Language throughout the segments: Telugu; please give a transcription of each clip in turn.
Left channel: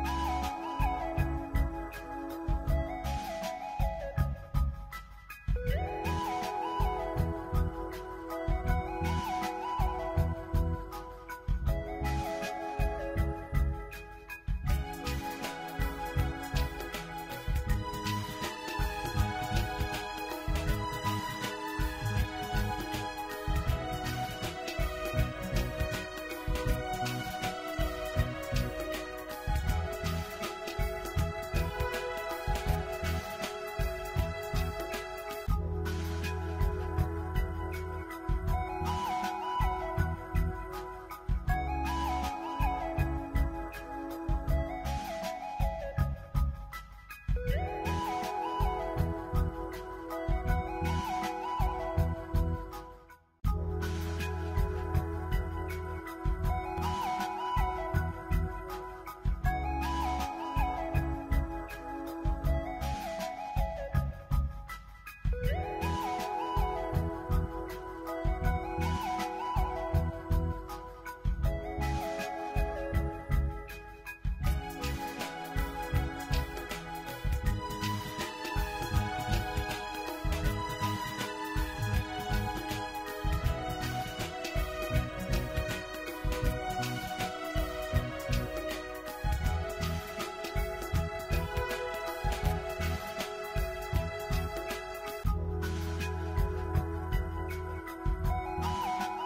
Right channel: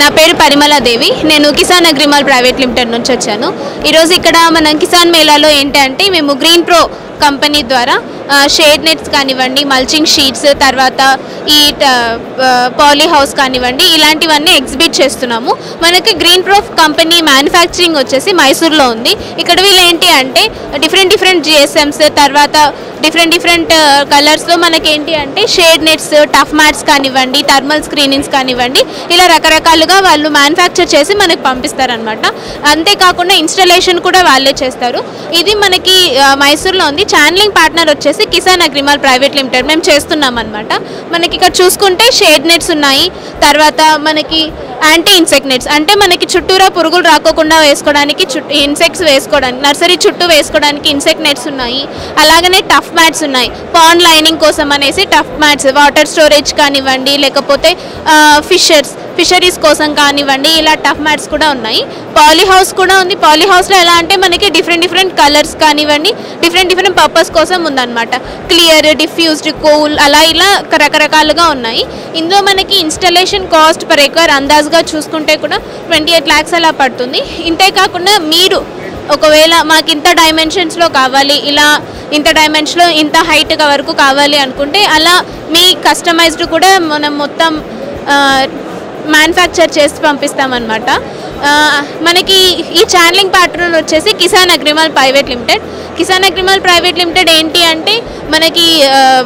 నా పేరు పరిమళ దేవి. నేను కిసాన్ అగ్రిమాల్ ప్రైవేట్ లిమిటెడ్ నుంచి వచ్చాను. ఈరోజు ఇక్కడ మనం కిసాన్ మేళాలో ఏంటంటే మేము గ్రీన్ ప్రో కంపెనీ ద్వారా షేడ్ నెట్స్ కానివ్వండి, మల్చింగ్ షీట్స్, తర్వాత ఈ పాలీ హౌస్ కానివ్వండి, ఇలాంటివన్నీ ఎగ్జిబిట్ చేస్తున్నాము. మనకి గ్రీన్ ప్రో కంపెనీ మ్యానుఫ్యాక్చరింగ్ వచ్చేసి మైసూర్లో ఉంది. ఇక్కడ వీళ్ళు ఏంటి అంటే డిఫరెంట్ జిఎస్ఎమ్స్, తర్వాత డిఫరెంట్ కలర్స్లో మనకేంటి అంటే షేడ్ నెట్స్, టఫ్ మ్యాట్స్ కానివ్వండి, థర్మల్ స్క్రీనింగ్స్ కానివ్వండి, ఇలా రకరకాలుగా వాళ్ళు మ్యానుఫ్యాక్చర్ చేసి మనకు పంపిస్తారనమాట. అంతేకాకుండా ఇన్స్టలేషన్ కూడా వాళ్ళే చేస్తారు. ఇది మనకి మైసూర్లో ఉంది. ఛానలింగ్ పార్ట్నర్ వచ్చేసి కిసాన్ అగ్రిమాల్ ప్రైవేట్ లిమిటెడ్ మేము చేస్తున్నాం అనమాట. మనకి ఇక్కడ చూసుకుంటే షేడ్ నెట్స్ ఉన్నాయి, తర్వాత మనకి యాంటీ ఇన్సెక్ట్ నెట్స్ అంటే మనకి చుట్టూరా పురుగులు రాకోకుండా వేసుకోవడానికి, ఇన్సెక్ట్స్ వేసుకోవడానికి, నర్సరీ చుట్టూ వేసుకోవడానికి ఇన్సెక్ట్ నెట్స్ ఉన్నాయి. అలాగనే టఫ్ మ్యాట్స్ ఉన్నాయి, పాండ్ లైనింగ్ కోసం అనేసి టఫ్ మ్యాట్స్, వాటర్ స్టోరేజ్ కానివ్వండి, లేకపోతే ఫిషరీస్ కోసం కానివ్వండి, ఇలా టఫ్ మ్యాట్స్ కూడా ఉన్నాయి. పాలీ హౌస్ కూడా ఉంది. పాలీ హౌస్లో ఎలా అంటే మనకి డిఫరెంట్ కలర్స్ కానివ్వండి, డిఫరెంట్ పర్పస్ కోసం ఉందన్నమాట. క్లియర్, డిఫ్యూజ్డ్, కూల్, అలా ఇలా రకరకాలుగా ఉన్నాయి. ఇందులో మనకి ఇన్స్టలేషన్ కాస్ట్ పర్ ఎకర్ అందాజుగా చూసుకుంటే కూడా 28 lakhs అలా పడుతుంది. ఇంతే కాకుండా మీరు ఒకవేళ మాకు ఇంత డైమెన్షన్స్లో కావాలి, ఇలా ఇంత డైమెన్షన్లో ఇంత హైట్ వరకు కావాలి అనుకుంటే అలా మీ కస్టమైజ్డ్ కూడా మనం మొత్తం మ్యానుఫ్యాక్చర్ చేసి పంపిస్తామన్నమాట. మనకి ఈ ఛానలింగ్ పార్ట్నర్ వచ్చేసి Kisan agri mall private limited. Kisan agri mall private limited ఏంటి అంటే మనకి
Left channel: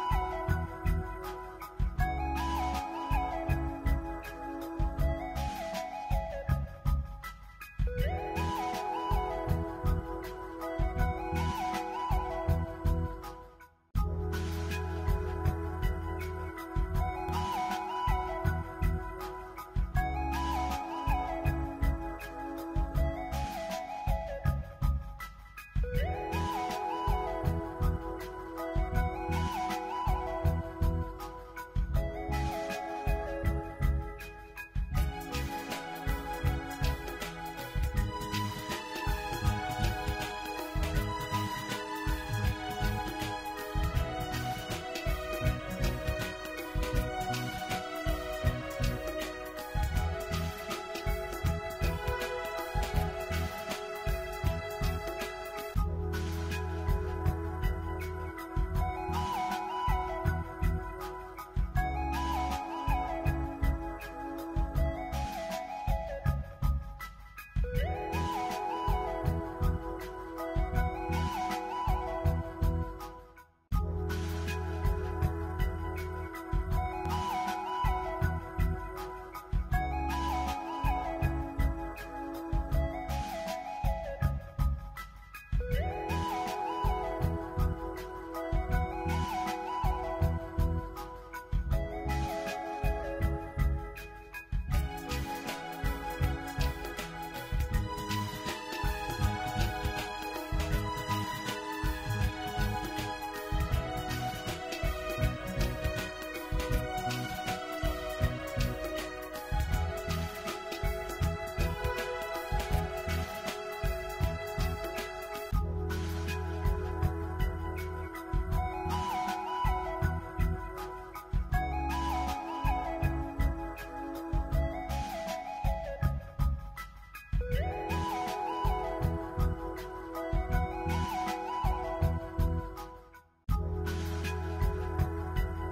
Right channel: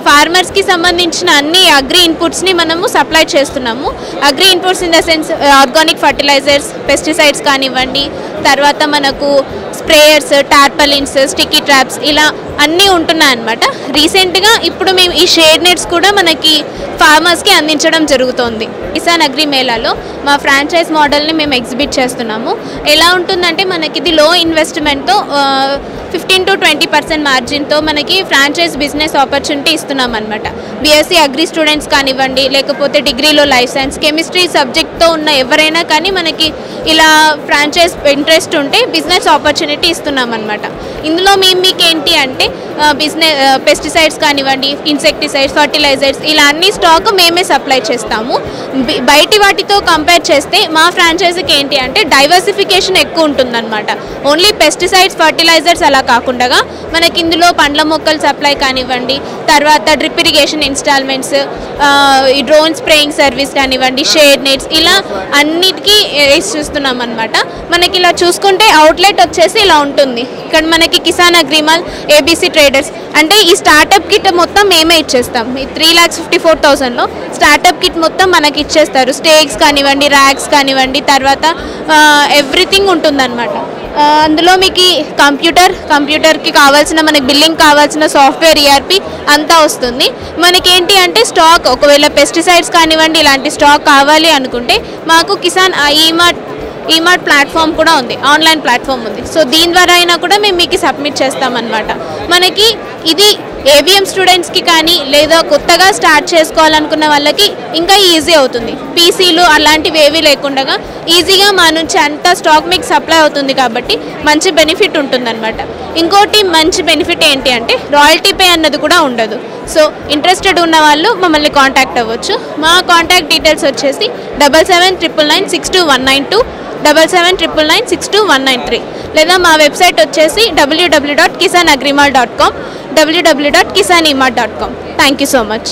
ఫార్మర్స్కి సంబంధించిన అన్ని అగ్రి ఇన్పుట్స్ని మనము సప్లై చేస్తున్నాము. Agri inputs in the sense organic fertilizers, pesticides కానివ్వండి, తర్వాత మనకు స్ప్రేయర్స్, టార్పలిన్స్, స్టిక్కీ ట్రాప్స్, ఇలా అన్నీ ఉంటున్నాయన్నమాట. రీసెంట్గా ఇప్పుడు మేము ఈ షేడ్ నెట్స్ కూడా మనకి ఫార్మర్స్కి అందించడం జరుగుతోంది. కిసాన్ అగ్రి మేళాలో మా ఫ్రాంచైజ్ మోడల్ని మేము ఎగ్జిబిట్ చేస్తున్నాము. ఎలా ఉంటుందంటే మనకి ఇది లో ఇన్వెస్ట్మెంట్తో 15 to 20% మార్జిన్తో మనకి ఫ్రాంచైజ్ బిజినెస్ ఆపర్చునిటీ ఇస్తున్నాం అనమాట. బీఎస్సీ అగ్రి స్టూడెంట్స్ కానివ్వండి, లేకపోతే డిగ్రీలో లైఫ్ సైన్స్, కెమిస్ట్రీ సబ్జెక్ట్తో ఉన్న ఎవరైనా కానీ మనకి ఇలా ఫ్రాంచైజ్ ఇంట్రెస్ట్ ఉంటే బిజినెస్ ఆపర్చునిటీ ఇస్తున్నాం అనమాట. ఇందులో మీకు ఏంటి అంటే పెస్టిసైడ్స్ కానివ్వండి, ఇన్సెక్టిసైడ్స్, ఫర్టిలైజర్స్, ఇలా అన్ని స్టాక్ మేమే సప్లై చేస్తాము. బయటి వాటితో కంపేర్ చేస్తే మా ఫ్రాంచైజీకి ఏంటి అంటే డైవర్సిఫికేషన్ ఎక్కువ ఉంటుందన్నమాట. ఓన్లీ పెస్టిసైడ్స్, ఫర్టిలైజర్స్ అలా కాకుండా మనకి ఇందులో పండ్ల మొక్కలు సప్లై కానివ్వండి, తర్వాత డ్రిప్ ఇరిగేషన్ ఇన్స్టాల్మెంట్స్, ఈ డ్రోన్ స్ప్రేయింగ్ సర్వీస్ కానివ్వండి, షేడ్ నెట్స్, ఇలా అన్నిటికీ ఇస్తున్నాం అనమాట. మనకి ఇలా చూసుకుంటే అవుట్లెట్ వచ్చేసి ఇలా ఉంటుంది. ఇక్కడ మనకి కిసాన్ అగ్రిమాల్, ఏబీసీ ట్రేడర్స్ అంటే ఈ స్టార్టప్ కిట్ మొత్తం మేమే ఇచ్చేస్తాం. ఈ 3,54,000లో స్టార్టప్ కిట్ మొత్తం మనకి ఇచ్చేస్తారు. స్టేక్స్ కానివ్వండి, ర్యాక్స్ కానివ్వండి, తర్వాత ఎవ్రీథింగ్ ఉంటుందన్నమాట. అందులో మీకు కంప్యూటర్కి కావాల్సిన, మనకి బిల్లింగ్ కావాల్సిన సాఫ్ట్వేర్, ఈఆర్పి అంతా వస్తుంది. మనకేంటి అంటే స్టాక్ ఒకవేళ పెస్టిసైడ్స్ కానివ్వండి ఇలాంటి స్టాక్ కావాలి అనుకుంటే మాకు కిసాన్ ఈమార్ట్ ప్లాట్ఫామ్ కూడా ఉంది, ఆన్లైన్ ప్లాట్ఫామ్ ఉంది. సో దీని ద్వారా అయినా కూడా మేము మీకు సబ్మిట్ చేస్తామన్నమాట. మనకి ఇది ఏబిఎం స్టూడెంట్స్కి కానీ లేదా కొత్తగా స్టార్ట్ చేసుకోవాలనుకున్న వాళ్ళకి ఇంకా ఈజీ అవుతుంది. పీసీలు అలాంటివి ఏవీ లేకుండా ఈజీగా మా నుంచి అంతా స్టాక్ మీకు సప్లై అవుతుంది కాబట్టి మంచి బెనిఫిట్ ఉంటుందన్నమాట. ఇంకోటి మంచి బెనిఫిట్ ఏంటి అంటే రాయల్టీ పే అన్నది కూడా ఉండదు. సో ఇంట్రెస్టెడ్ ఉన్న వాళ్ళు మమ్మల్ని కాంటాక్ట్ అవ్వచ్చు. మా కాంటాక్ట్ డీటెయిల్స్ వచ్చేసి 7799962192, 7799962193, లేదా మా వెబ్సైట్ వచ్చేసి www.kisanagrimal.com, www.kisanimart.com. Thank you so much.